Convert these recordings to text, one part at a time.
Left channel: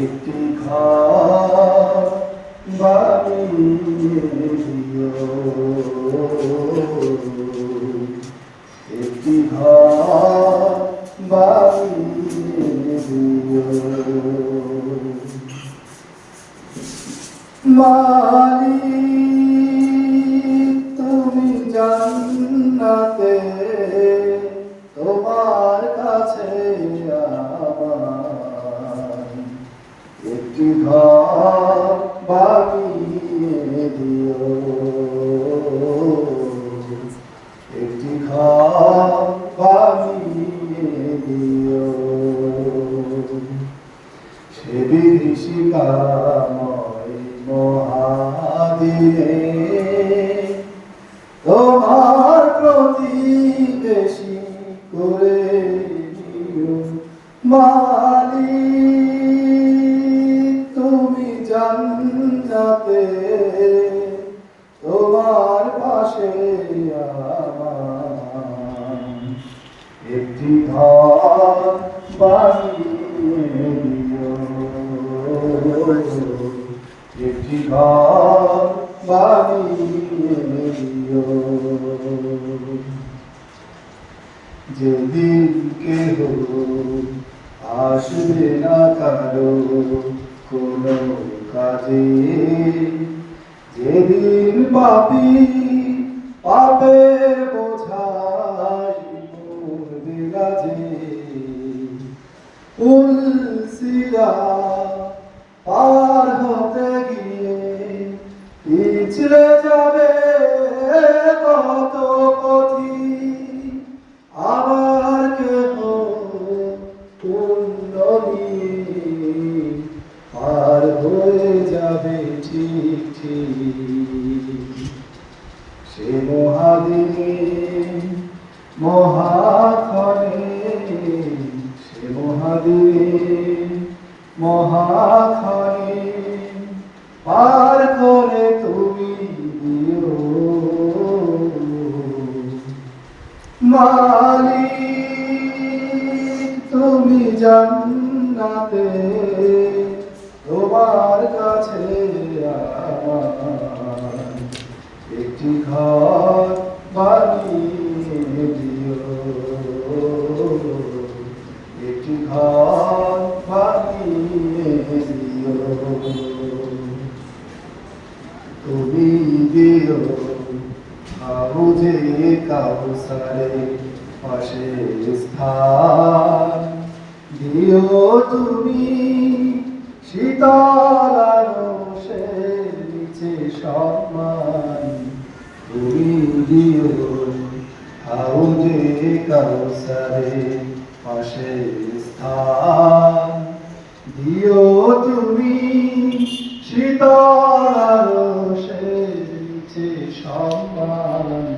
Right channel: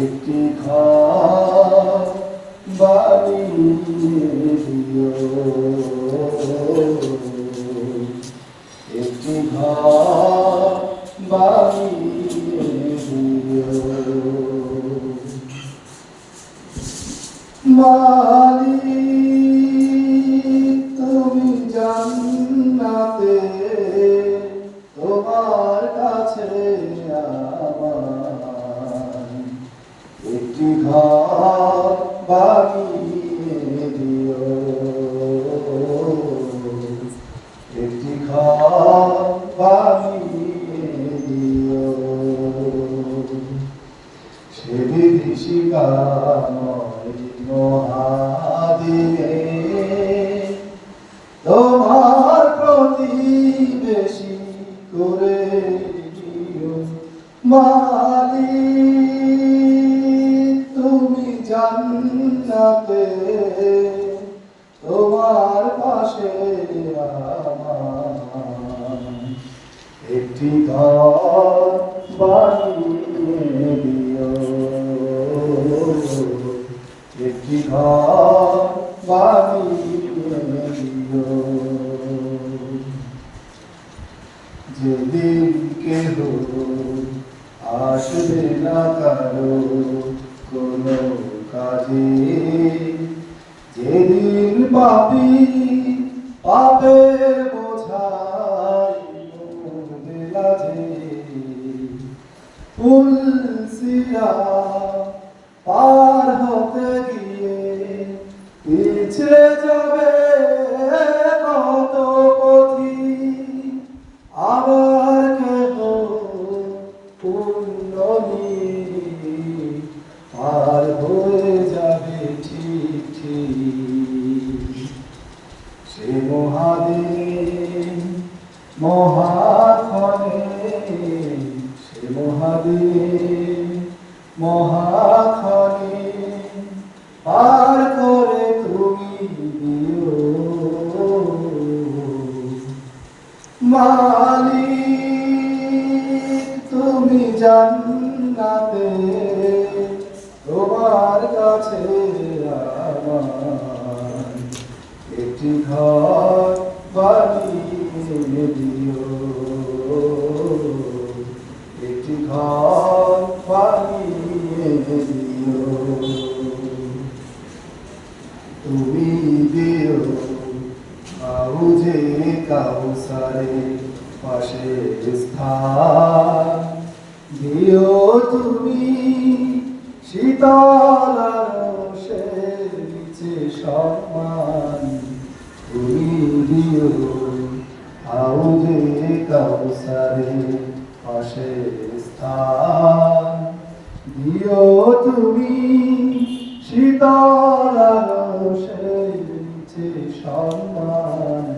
একটি ঘর বানিয়ে দিও, একটি ঘর বানিয়ে দিও। মালিক তুমি জান্নাতে, তোমার কাছে আমার একটি ঘর বানিয়ে দিও, একটি ঘর বানিয়ে দিও। সে বিভীষিকাময় মহাদিনে তোমার প্রতিবেশী করে দিও। মালিক তুমি জান্নাতে, তোমার পাশে আমার একটি ঘর বানিয়ে দিও, একটি ঘর বানিয়ে দিও। যেদিন কেহ আসবে না কারো কোনো কাজে, যেদিন পাপী পাপের বোঝাই মরবে লাজে, পুলসিরা পার হতে গিয়ে পিছলে যাবে কত পথি, আবার কেহ পুণ্যমি পার হয়ে যাবে ঠিক ঠিক। সে মহাদিনে মহাক্ষণে, সে মহাদিনে মহাক্ষণে পার করে তুমি দিও। মালিক তুমি জান্নাতে, তোমার কাছে আমার একটি ঘর বানিয়ে দিও, একটি ঘর বানিয়ে দিও। তুমি দিও হাউজে কাউসারে পাশে স্থান, দিও তুমি শীতল আরশের নিচে সম্মান। তুমি দিও হাউজে কাউসারে পাশে স্থান, দিও তুমি শীতল আরশের নিচে সম্মান।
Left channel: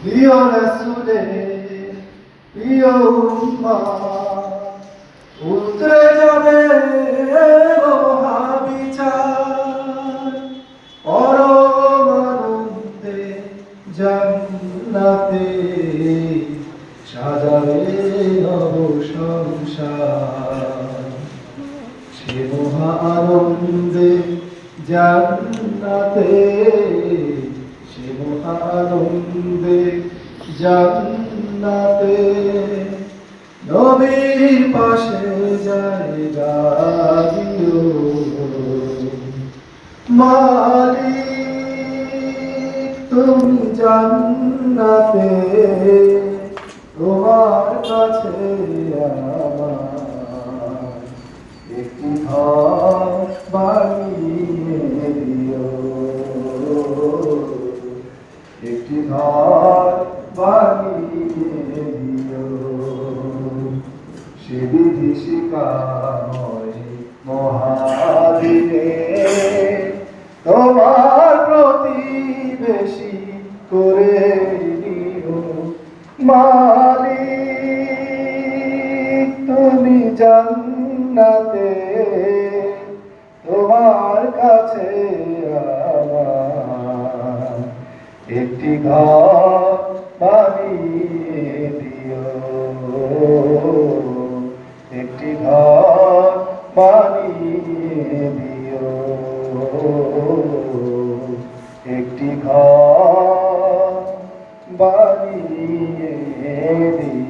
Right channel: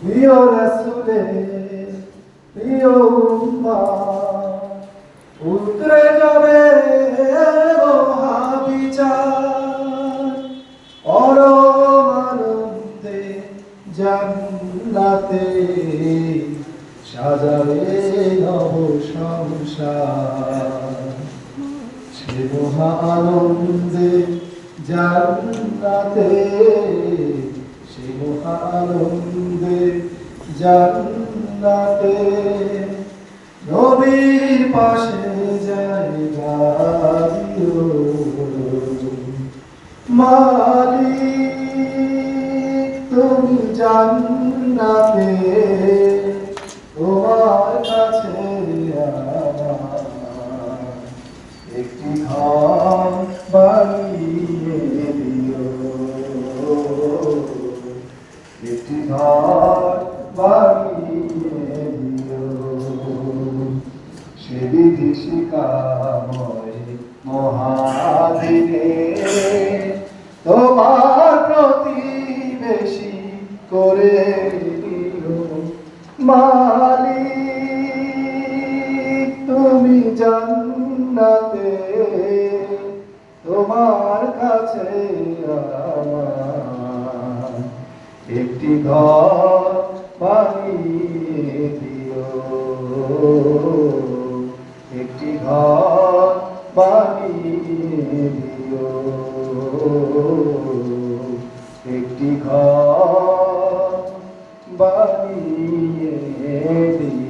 প্রিয় রাসূলের প্রিয় উম্মাহ উঠে যাবে মহাবিচার, পরম আনন্দে জান্নাতে সাজাবে নব সংসার। সে মহা আনন্দে জান্নাতে, সে মহা আনন্দে জান্নাতে নবীর পাশে জায়গা দিও। মালিক তুমি জান্নাতে, তোমার কাছে আমার একটি ঘর বানিয়ে দিও, একটি ঘর বানিয়ে দিও। সে বিভীষিকাময় মহাদিনে তোমার প্রতিবেশী করে দিও। মালিক তুমি জান্নাতে, তোমার কাছে আমার একটি ঘর বানিয়ে দিও, একটি ঘর বানিয়ে দিও, একটি ঘর বানিয়ে দিও।